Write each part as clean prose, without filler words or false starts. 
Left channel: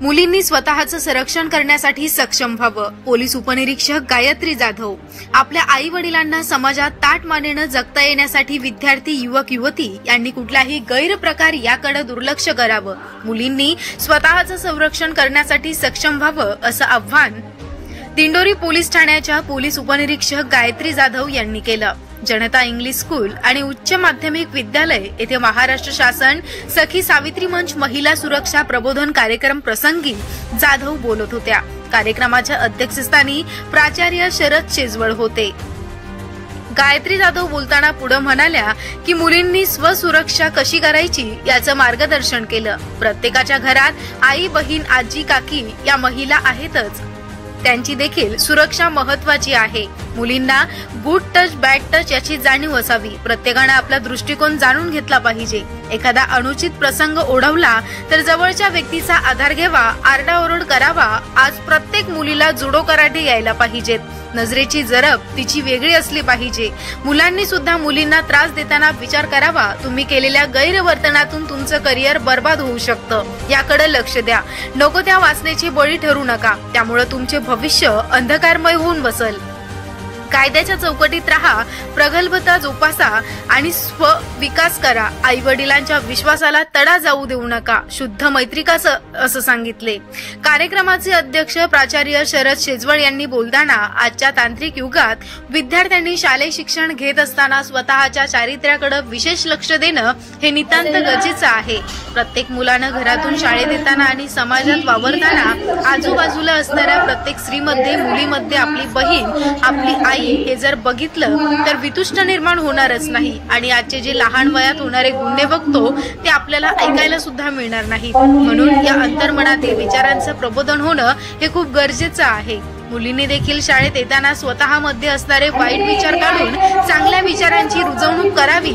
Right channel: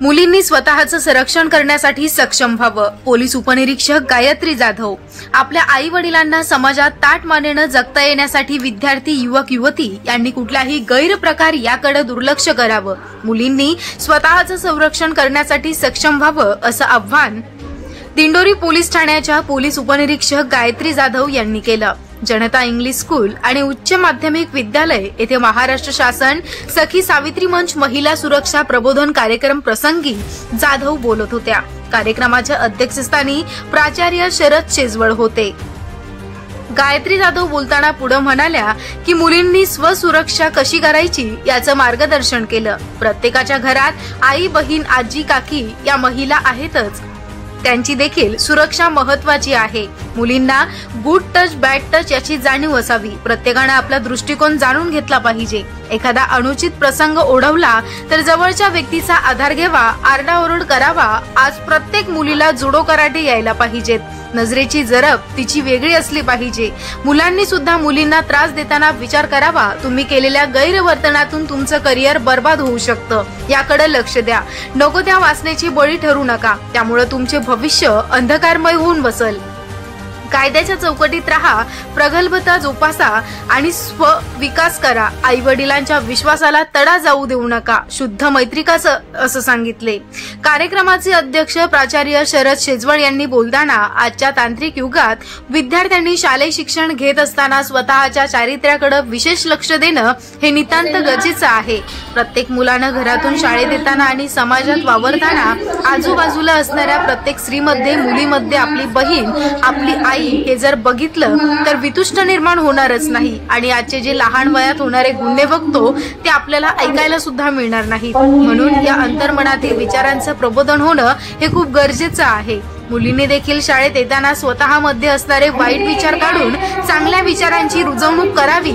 मुलींनी स्वतःचं संरक्षण करण्यासाठी सक्षम व्हावं. पोलीस उपनिरीक्षक गायत्री जाधव. आपल्या आई वडिलांना समाजात ताठ मानेनं जगता येण्यासाठी विद्यार्थी युवक युवती यांनी कुठल्याही गैरप्रकार याकडे दुर्लक्ष करावं. मुलींनी स्वतःचं संरक्षण करण्यासाठी सक्षम व्हावं असं आव्हान दिंडोरी पोलीस ठाण्याच्या पोलीस उपनिरीक्षक गायत्री जाधव यांनी केलं. जनता इंग्लिश स्कूल आणि उच्च माध्यमिक विद्यालय येथे महाराष्ट्र शासन सखी सावित्री मंच महिला सुरक्षा प्रबोधन कार्यक्रम प्रसंगी जाधव बोलत होत्या. कार्यक्रमाच्या अध्यक्षस्थानी प्राचार्य शरद शेजवळ होते. गायत्री जाधव बोलताना पुढे म्हणाल्या की मुलींनी स्वसुरक्षा कशी करायची याचं मार्गदर्शन केलं. प्रत्येकाच्या घरात आई बहीण आजी काकी या महिला आहेतच, त्यांची देखील सुरक्षा महत्वाची आहे. मुलींना गुड टच बॅड टच याची जाणीव असावी. प्रत्येकाने आपला दृष्टिकोन जाणून घेतला पाहिजे. एखादा अनुचित प्रसंग ओढवला तर जवळच्या व्यक्तीचा आधार घ्यावा, आरडाओरड करावा. आज प्रत्येक मुलीला जुडो कराटे यायला पाहिजेत. नजरेची जरब तिची वेगळी असली पाहिजे. मुलांनी सुद्धा मुलींना त्रास देताना विचार करावा. तुम्ही केलेल्या गैरवर्तनातून तुमचं करिअर बर्बाद होऊ शकतं, याकडे लक्ष द्या. नको त्या वासनेची बळी ठरू नका, त्यामुळे तुमचे भविष्य अंधकारमय होऊन बसल. कायद्याच्या चौकटीत राहा, प्रगल्भता जोपासा आणि स्वविकास करा. आई वडिलांच्या विश्वासाला तडा जाऊ देऊ नका. शुद्ध मैत्री असं सांगितले. कार्यक्रमाचे अध्यक्ष प्राचार्य शरद शेजवळ यांनी बोलताना आजच्या तांत्रिक युगात विद्यार्थ्यांनी शालेय शिक्षण घेत असताना स्वतःच्या चारित्र्याकडे विशेष लक्ष देणं हे नितांत गरजेचं आहे. प्रत्येक मुलानं घरातून शाळेत येताना आणि समाजात वावरताना आजूबाजूला असणाऱ्या प्रत्येक स्त्रीमध्ये मुलीमध्ये आपली बहीण आपली आई हे जर बघितलं तर वितुष्ट निर्माण होणारच नाही. आणि आजचे जे लहान वयात होणारे गुन्हे बघतो ते आपल्याला ऐकायला सुद्धा मिळणार नाही. म्हणून या अंतर्मनातील विचारांचं प्रबोधन होणं हे खूप गरजेचं आहे. मुलींनी देखील शाळेत येताना स्वतःमध्ये असणारे वाईट विचार काढून चांगल्या विचारांची रुजवणूक करावी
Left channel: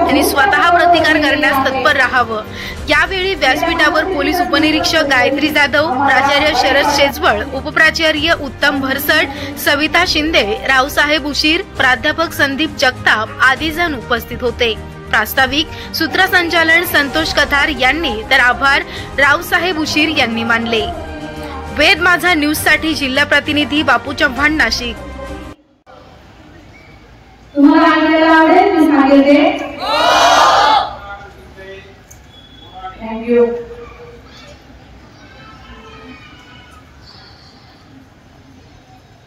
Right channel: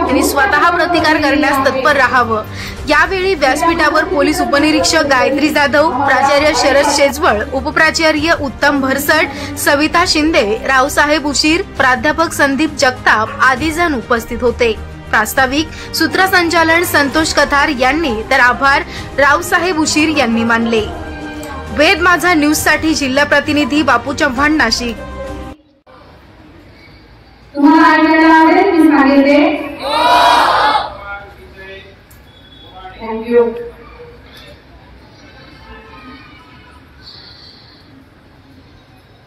आणि स्वतः प्रतिकार करण्यास तत्पर राहावं. यावेळी व्यासपीठावर पोलीस उपनिरीक्षक गायत्री जाधव, प्राचार्य शरद शेजवळ, उपप्राचार्य उत्तम भरसट, सविता शिंदे, रावसाहेब उशीर, प्राध्यापक संदीप जगताप आदी जण उपस्थित होते. प्रास्ताविक सूत्रसंचालन संतोष कथार यांनी तर आभार रावसाहेब उशीर यांनी मानले. वेद माझा न्यूज साठी जिल्हा प्रतिनिधी बापू चव्हाण, नाशिक. तुम्हाला ऐकायला आवडेल मी सांगितले. थँक्यू.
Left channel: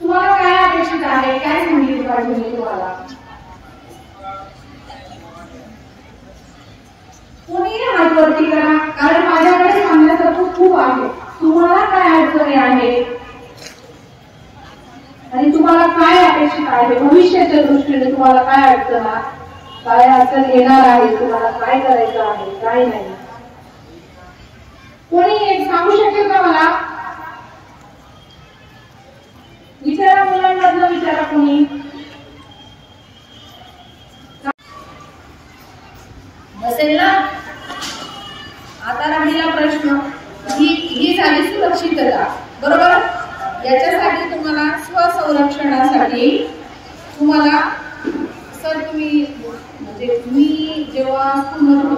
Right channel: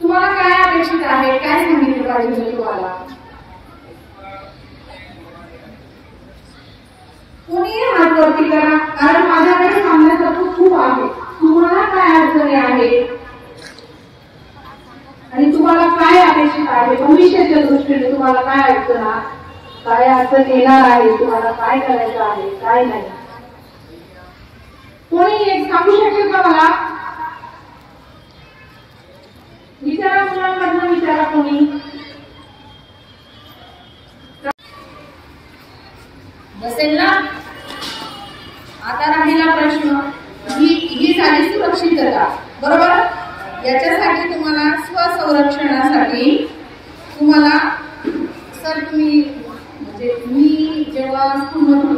तुम्हाला काय अपेक्षित आहे, काय सांगितलं पाहिजे तुम्हाला? कोणी हात वरती करा, कारण माझ्याकडे सांगण्यासारखं खूप आहे. तुम्हाला काय अडचणी आहे आणि तुम्हाला काय अपेक्षित आहे, भविष्याच्या दृष्टीने तुम्हाला काय अडचण येणार आहे, तुम्हाला काय करायचं आहे, काय नाही. कोणी एक सांगू शकेल का मला? विचारा, मुलांमधनं विचारा कोणी. बसेल ना? आता राहिला प्रश्न, ही झाली सुरक्षितता, बरोबर. याच्यासाठी तुम्हाला स्वसंरक्षणासाठी तुम्हाला तुम्ही म्हणजे मी जेव्हा स्कूलमध्ये